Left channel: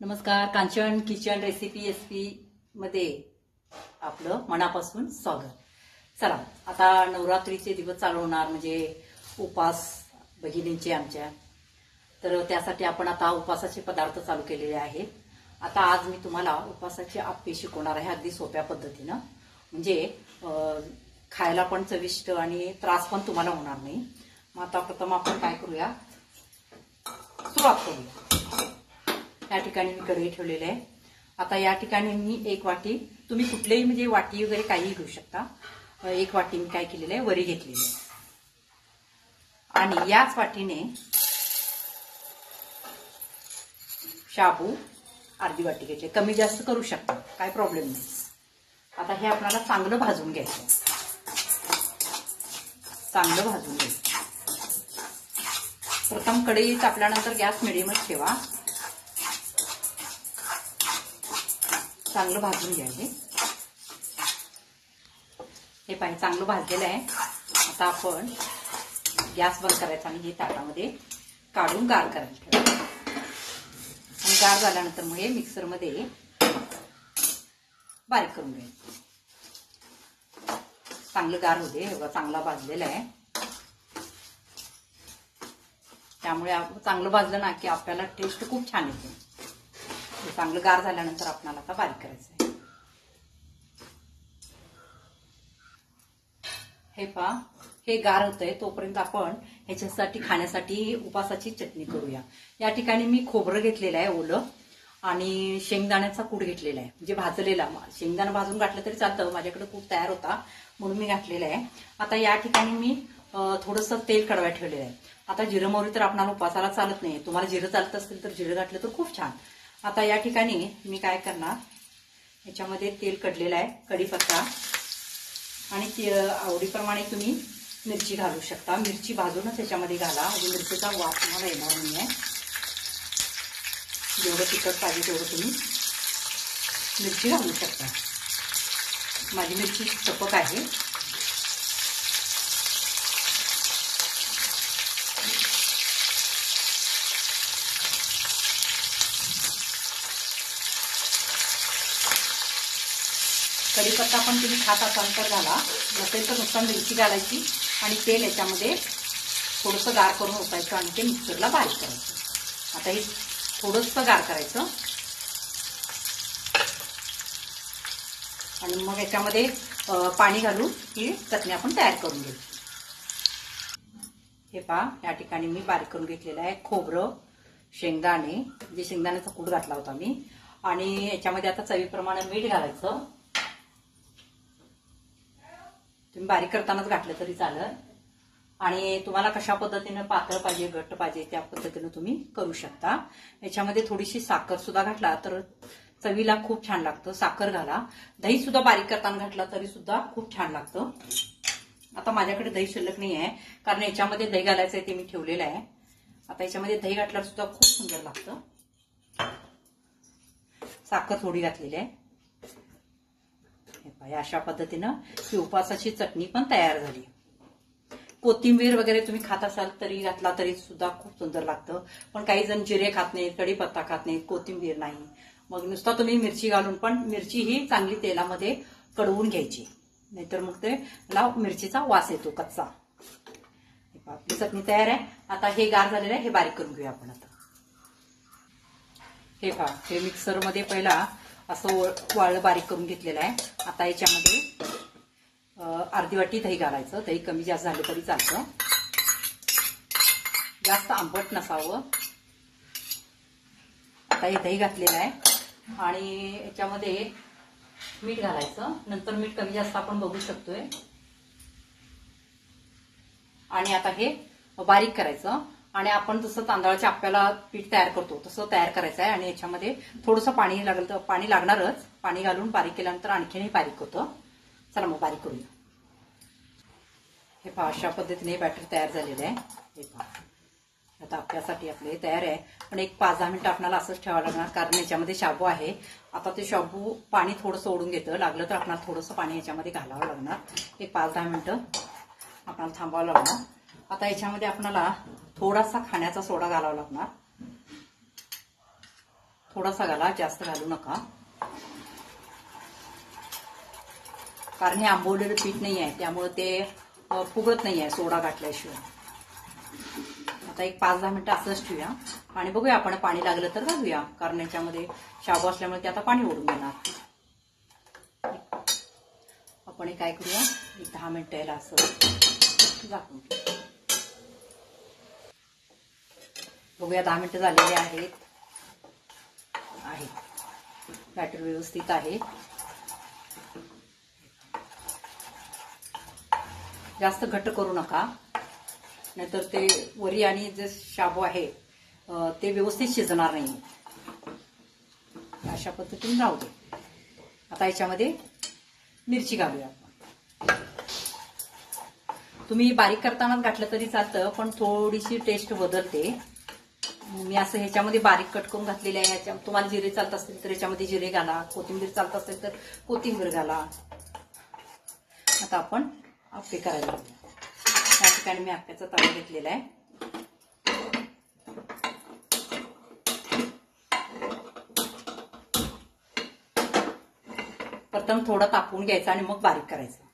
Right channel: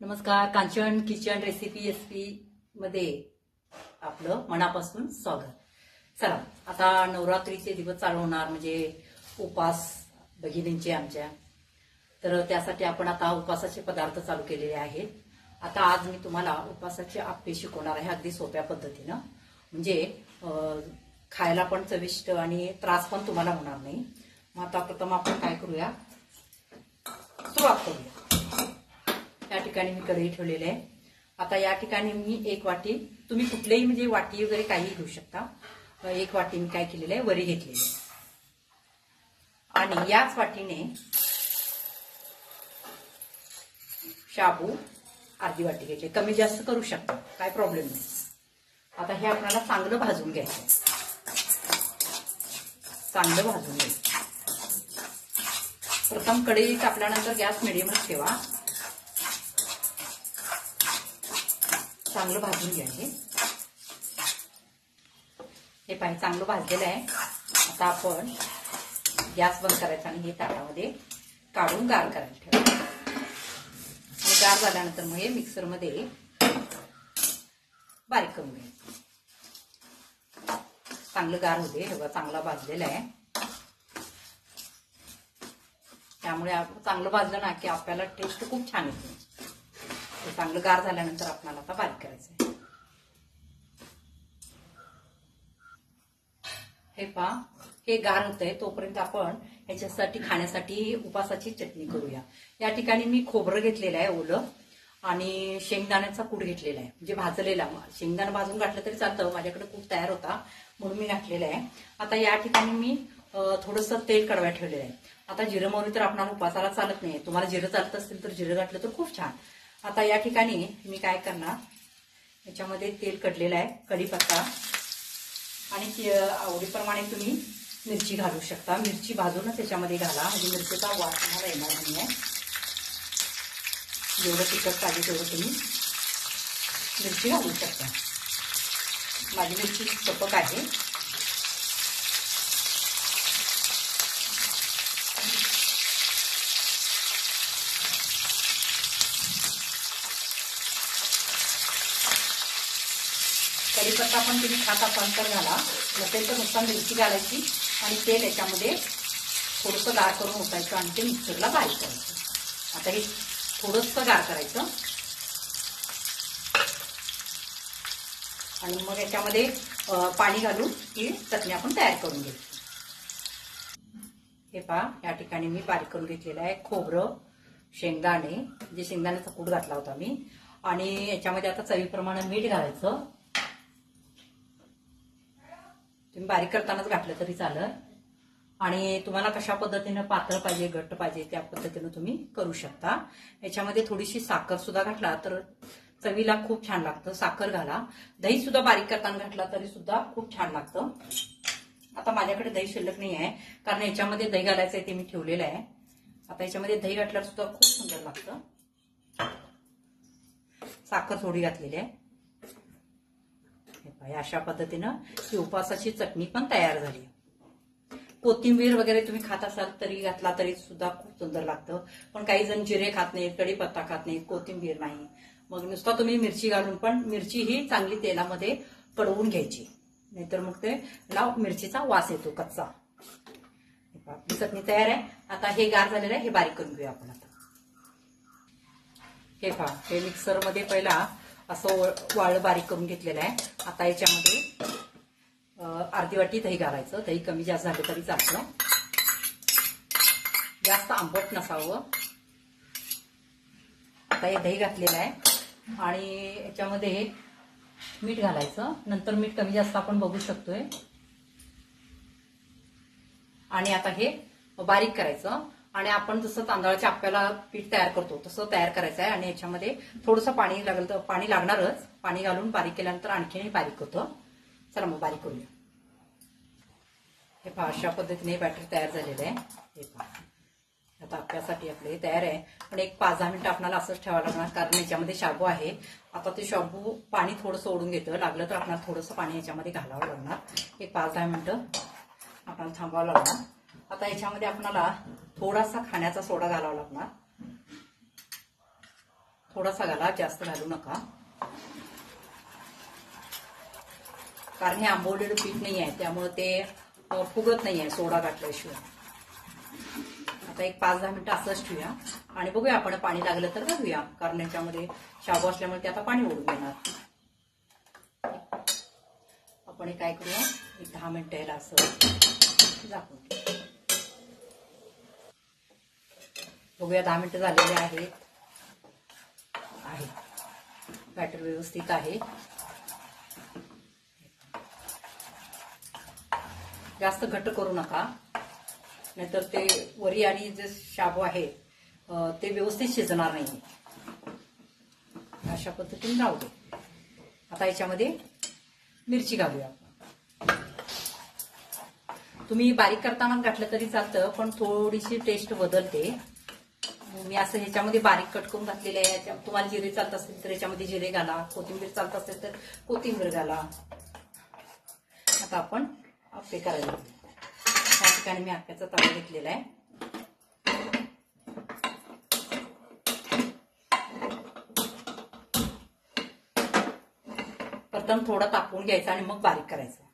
नमस्कार, Kanchan kitchen recipe SP मध्ये आपलं मनापासून स्वागत। चला, आता नवरात्रीचे दिवस चालू होणार म्हणजे उपास भगिनींचे आमच्या, तर त्यासाठी आपण आता उपासाचे पदार्थ चालू केलेले आहेत। आता आज मी तुम्हाला उपासाचे आप्पे शिकवणार आहे अगदी सोप्या पद्धतीने, म्हणजे खायला पण चविष्ट आणि त्रास पण तुम्हाला होणार नाही। मग आता प्रथम आपण काय करूया, सुरुवात करूया। या ठिकाणी मी कढई ठेवलेली आहे। आता या ठिकाणी मी एक वाटी, तुम्ही कुठलेही म्हणजे वाटी वगैरे काही घेऊ शकता, एक वाटी मी काय केलेलं आहे, वरी घेतलेली आहे आणि याच वाटीने शाबू अर्धी वाटी घेतले, कमी जास्त करू शकता, काय प्रॉब्लेम नाही। आता हे आपल्याला चांगलं भाजून घ्यायचं, चांगलं भाजून घ्यायचं। प्रथम कढई तापल्यानंतर गॅस मिडियमच ठेवा, चांगलं भाजून घ्या। हे पाणी चांगलं भाजलेलं आहे। आता आपण गॅस बंद करायचा आणि हे ताटामध्ये काढून गार करायचं आणि गार झाल्यानंतर मग हे मिक्सरमध्ये बारीक करून घ्यायचं। चांगलं गार होते, हे चांगला भाजलेला आहे, त्यामुळे चांगलं भाजलं ना की आपल्याला टेस्ट खूप छान येते। चांगलं गार झाल्यानंतर आपल्याला आता बारीक करायचं आहे। हे पहा, हे गार होतंय, तोपर्यंत आपण ह्याच्यासाठी खाण्यासाठी उपासाची चटणी करूया। या ठिकाणी मी खोबरं घेतलेलं आहे ओलं आणि शेंगदाण्याचा कूट घेतलेला आहे, म्हणजे भाजलेला। शेंगदाणा भाजून घातलं तरी चालतं, माझ्याकडे कूट तयार होता म्हणून मी घातलेला आहे। आता या ठिकाणी मी थोडंसं तेल कडवायला ठेवलेलं आहे। आता जिरं मोहरी तर आपल्याला उपासाला चालत नाही, तुम्हाला जिरं चालत असेल तर जिरं घातलं तर खूप छान। आता या ठिकाणी मी काय करणार, याच्यामध्ये तेल कडलेलं आहे, कढीपत्ता आणि आवडीप्रमाणे तुम्ही मिरची घालू शकता। मिरची भाजूनच याच्यामध्ये घाला, म्हणजे मिरचीचा वास तुम्हाला येणार नाहीये। जेवढं तिखट पाहिजे तेवढं तुम्ही मिरची घालू शकता। माझी मिरची सपक आहे। कढीपत्ता पण तुम्ही खात असाल तर घाला, नसेल तर नुसतं मिरची घालायची आणि तेल याच्यामध्ये थोडंसं गार करून ओतायचं आणि ते मिक्सरला बारीक करायचं। आता हे थोडंसं गार करायचं आणि मग याच्यामध्ये पाणी घालून ही चटणी आपण तयार करून घ्यायची। हे पहा, या ठिकाणी मी बारीक करून घेतलेलं आहे खोबरं, शेंगदाणे, जे शेंगदाण्याचा कूट घातला होता मी, आणि याच्यामध्ये आता चवीप्रमाणे मीठ घालायचं। तुम्ही बारीक करतानाच घातलं तरी चालेल आणि तुम्हाला कशा पद्धतीने पातळ पाहिजे घट्ट पाहिजे त्या पद्धतीने तुम्ही करू शकता। याच्यामध्ये थोडीशी साखर सुद्धा घातला तर चवीला खूप छान लागतं, साखर घाला। दही सुद्धा बारीक करताना घातला तरी सुद्धा खूप छान लागतं। आता माझ्याकडे दही शिल्लक नाही आहे, कारण याच्यामध्ये दही घालायचं आहे ते मी ठेवलेलं आहे। आता याच्यामध्ये दही घातल्यावर सुद्धा खूप सुंदर लागतं। साखर थोडी घातलेली आहे। अशा पद्धतीनं ही उपासाची चटणी पण तयार झाली। कोथिंबीर वगैरे तुम्ही खात असाल तरी घातला तरी सुद्धा खूप सुंदर लागतं, पण काही जण जिरे खात नाहीत, कढीपत्ता खात नाहीत, कोथिंबीर नाही, मग नुसतं तुम्ही मिरची घालून पण मिरची ही चांगली तेलामध्ये कडवून घ्यायची, नाहीतर मग ते मिरचीचा वास येतो कच्चा। चटणी तयार आहे। आता हे गार झालेलं आहे, हे बारीक करून घेऊया आपण। आता हे पहा, हे मिक्सरमध्ये पहिला असं वाळं बारीक करून घेतलेलं आहे। आता याच्यामध्ये अर्धी वाटी दही घालायचं, दही कमी जास्त झालं तरी चालतं, जास्त आंबट नसावं। आता हे दही घातलेलं आहे आणि याच्यामध्ये मीठ घालायचं, नंतर मीठ कमी जास्त आपण बघू शकतोय। आणि आता हे बारीक करायचं आणि आपण जसं तांदळाच्या आप्याला पीठ तयार करतो तसं तयार करायचं आहे। आणि याच्यामध्ये थोडंसं पाणी लागलं तर पाणी लागणारच, पाणी घालून बारीक केल्यानंतर आणखीनही बारीक होतं। चला मग बारीक करूया। हे पहा, अशा पद्धतीने बॅटर तयार झालेलं आहे। हे पहा, आता आपल्यासाठी आपले तयार आहे, पण एक 5-10 मिनिटं आपल्याला असंच ठेवावं लागणार, कारण याच्यामध्ये शाबू आहे। आता ते शाबू पाणी थोडंसं ओढून घेतं, लागलं तर आपल्याला थोडंसं पाणी याच्यामध्ये घालावं लागणार। एक 5-10 मिनिटं आपल्याला थांबावं लागणार। आता याच्यामध्ये आपल्याला थोडासा खाण्याचा सोडा घालावा लागणार। थोडासा घाला, जास्त घालू नका, कारण हे आंबवलेलं पीठ नाही आहे त्यामुळे ते फुगत नाही आहे सोडा घातल्याशिवाय. आता एक 5-10 मिनिटं असंच ठेवूया आणि बघूया आपण पाणी लागलं तर घालूया, कारण याच्यामध्ये शाबू असल्यामुळे ते आता पाणी ओढून देणार. आपण काय करूया, एक 10 मिनिटं यायला असं झाकून बघूया. 10 मिनिटं झालेले आहेत. बॅटर व्यवस्थित आहे. जास्त घट्ट करू नका, नाहीतर ते वरी आणि जे शाबू आहे ते व्यवस्थित शिजणार नाही. अशा पद्धतीने राहू दे. आता याच्यामध्ये मिरची घालूया आपण. तुम्ही बारीक करतानाच घातलं तरी चालतं, पण थोडीशी टेस्ट बदलते. मी असं ह्याच्यामध्ये बारीक कट करून घातलेले आहे. तुम्हाला जिरे चालत असतील तर याच्यामध्ये जिरे घाला, कोथिंबीर चालत असेल तर कोथिंबीर घाला. आता आपण आप्पे करायला या ठिकाणी मी आप्याचा तवा घेतलेला आहे. प्रथम थोडा तापवून घ्यायचा आणि मग बारीक करायचं.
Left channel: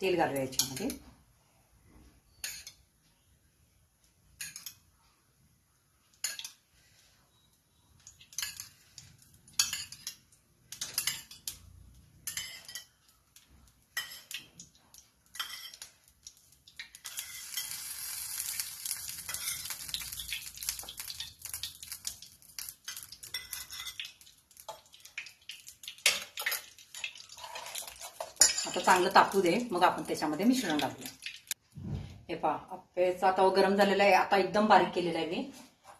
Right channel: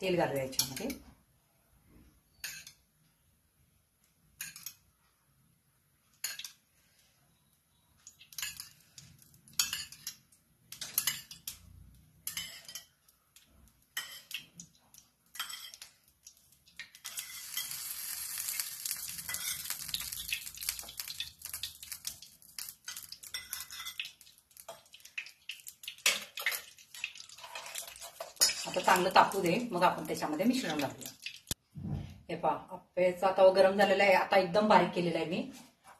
तेल घालूया याच्यामध्ये. आता चांगलं तापू दे, मग आपण त्याच्यामध्ये मिश्रण घालूया. हे पहा, आप्पेचा तवा गरम झालेला आहे. आता एकदम बारीक केलेला आहे मी.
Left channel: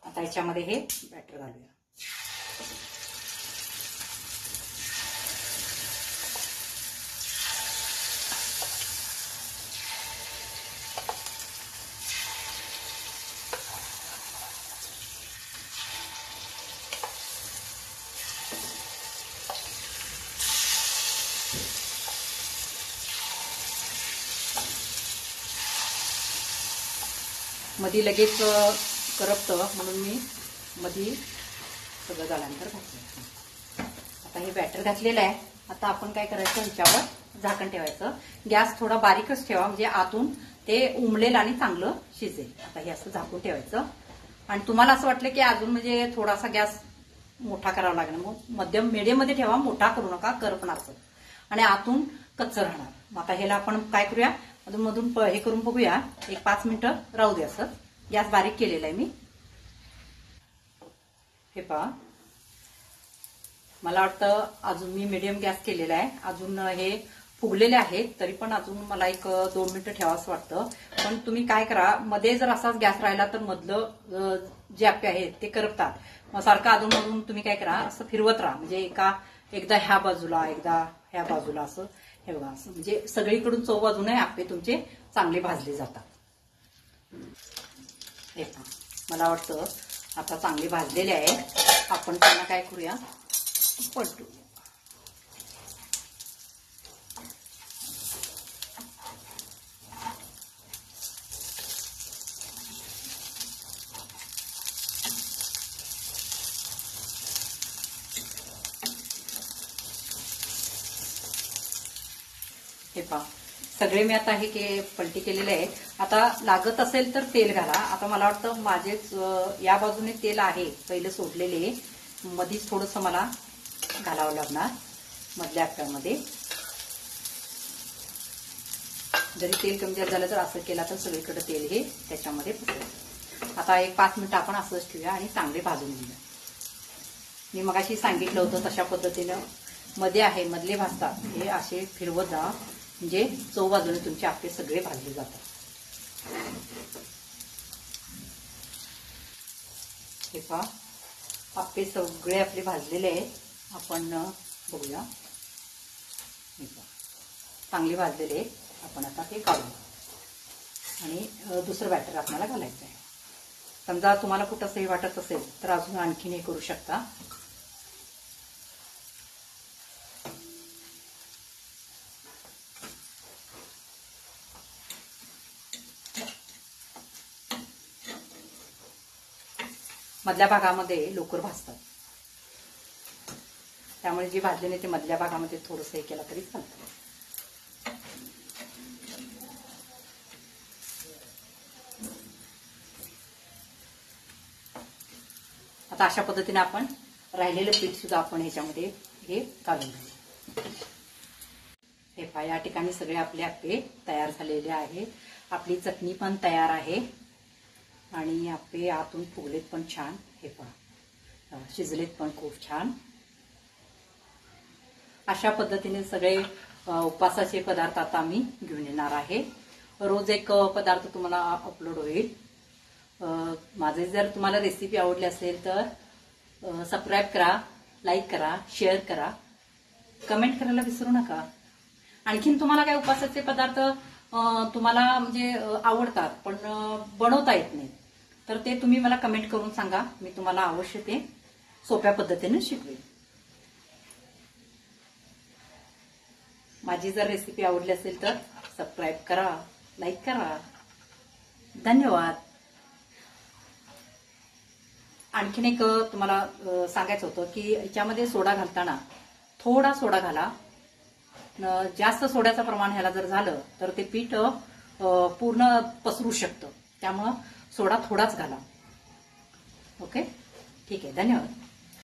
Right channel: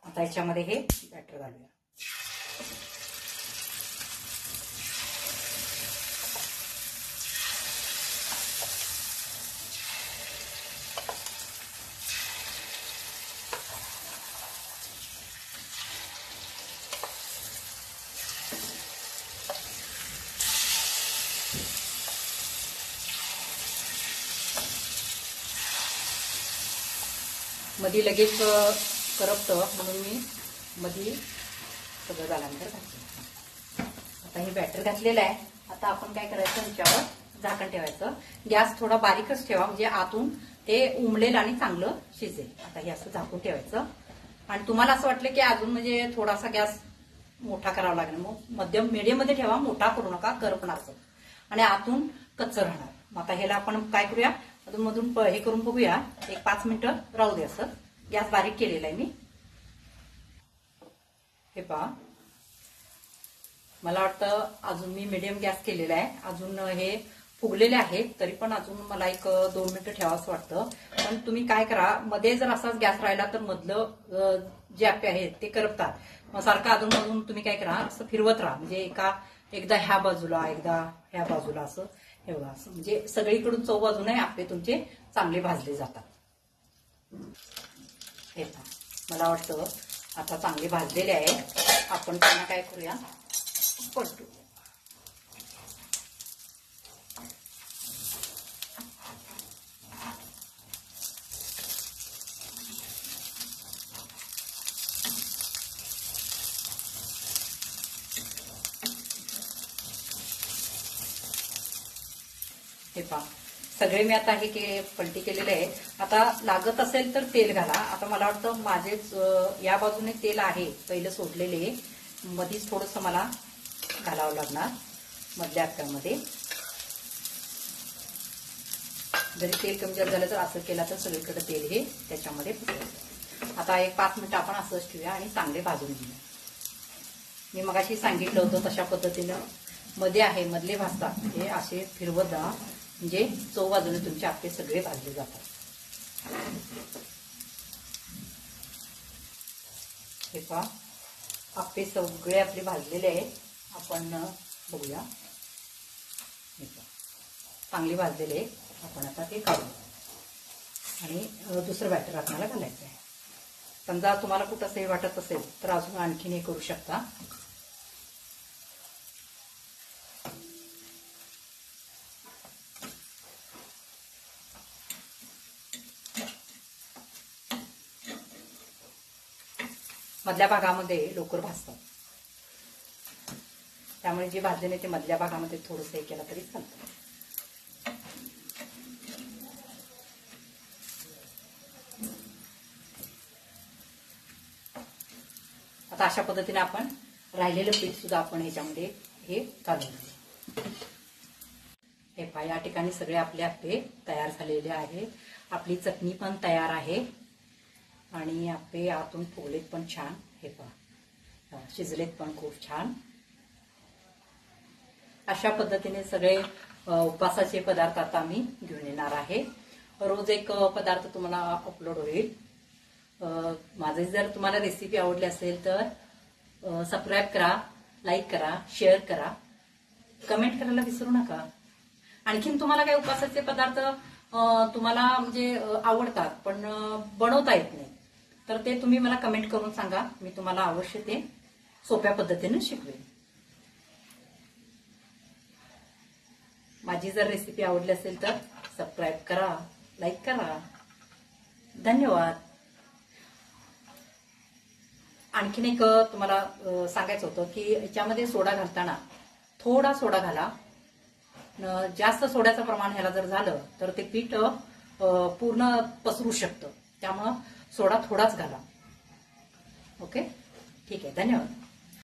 आता याच्यामध्ये हे बॅटर घालूया. मध्ये लगेच करपतं म्हणून मी मध्ये सगळं झाल्यानंतर घातलं. आता हे बॅटर घातलेलं आहे. आता आपण काय करायचं, ह्याच्यावर झाकण ठेवायचं. गॅस थोडा बारीकच ठेवा, म्हणजे आतून ते उमलेल आणि चांगलं शिजेल. आता हे असं झाकून ठेवायचं. आणि तुम्हाला असं वाटलं की अजून म्हणजे थोडासा गॅस मोठा करावा लागेल, मग मध्यम मीडियम मध्ये ठेवा, मोठा करू नका, करपणारच आणि आतून कच्चं राहणार. आता ह्याला आपण काय करूया, अधून मधून हे करून बघूया. एक 5 मिनिटं राहू दे. असं गॅस बारीक केलेला आहे मी. हे पहा, मला वाटतं अजून मी मीडियम गॅस केलेला आहे. अजून हे फुगलेले आहेत, तरी पण अजून मला एक 2 मिनिटं ठेवावंसं वाटतं. पण तुम्ही काय करा, मध्ये जर असाच गॅस राहिला तर मधलं जे आप्पे आहेत ते करपतात. मग सारखं अजून मधून तुम्ही काय करा, असं फिरवत राहा. म्हणजे एकदा ह्या बाजूला, एकदा ह्या बाजूला, असं हे बघा, असं म्हणजे सगळीकडून चव बाजूने आप्पे तुमचे चांगले भाजले जातात. हे पहा, मला वाटतं आता चांगले भाजलेले आहे. आपण त्यांना काय करूया, पलटू. हे पहा, सगळे मी आता हे पलटी केलेले आहे. आता लागत असेल तर तेल घाला. आता मला वाटतं माझेच या बाजूने तेल आहे पहिलं सोडलेले, मधीच थोडंसं मला घालावं लागणार मधल्या आप्प्यामध्ये. जरी तेल कमी जास्त झालं तर असं केलं तर सगळीकडे तेल हे त्याच्यामध्ये फुटेल. आता एक 5 मिनिटं आपण असंच ठेवूया आणि चांगले भाजून घेऊया. मी मगाशी सांगितलं होतं तशा पद्धतीनं मध्ये आहे, मधले भाजतात. हे असे फिरवत जा, म्हणजे चव बाजूने तुमचे आप्पे सगळे भाजले जातात. हे पहा, आप्पे सगळे आपले भाजलेले आहेत. आपण बघूया. चांगले भाजलेले आहेत. आपण आता ते काढू आणि दुसरं बॅटर आपल्याला घालायचं आहे. समजा तुम्हाला कुठं सही वाटत असेल तर अजून आणखीन हे करू शकता. मधल्या भागामध्ये लवकर भाजतात. त्यामुळे जे भाजले नाही ते मधल्या भागामध्ये थोडंसं हे केलं तरी चालतं. आता अशा पद्धतीने आपण राहिलेलं पीठ सुद्धा आपण ह्याच्यामध्ये हे घालून घेऊ. हे पहा, या ठिकाणी सगळे आपले आप्पे तयार झालेले आहे. आपली चटणी पण तयार आहे आणि आप्पे आतून फुगलेत पण छान. हे पहा, शिजलेत पण खूप छान. अशा पद्धतीने सगळे उपवासाचे पदार्थ आता मी घेऊन येणार आहे. रोज एक पदार्थ तुम्हाला अपलोड होईल. माझे जर तुम्हाला रेसिपी आवडली असेल तर सबस्क्राईब करा, लाईक करा, शेअर करा, कमेंट करायला विसरू नका. आणखीन तुम्हाला काही उपवासाचे पदार्थ तुम्हाला म्हणजे आवडतात पण बनवता येत नाही तर ते तुम्ही मला कमेंट करून सांगा. मी तुम्हाला अवश्य ते सोप्या पद्धतीने शिकवेन. माझी जर रेसिपी आवडली असेल तर सबस्क्राईब करा, लाईक करा. धन्यवाद. आणखीन एक तुम्हाला सांगायचं होतं की याच्यामध्ये सोडा घालताना थोडा सोडा घाला. जास्त सोड्याचं प्रमाण ह्याला जर झालं तर ते पीठ पूर्ण पसरू शकतं. त्यामुळं सोडा थोडाच घाला. ओके, ठीक आहे. धन्यवाद.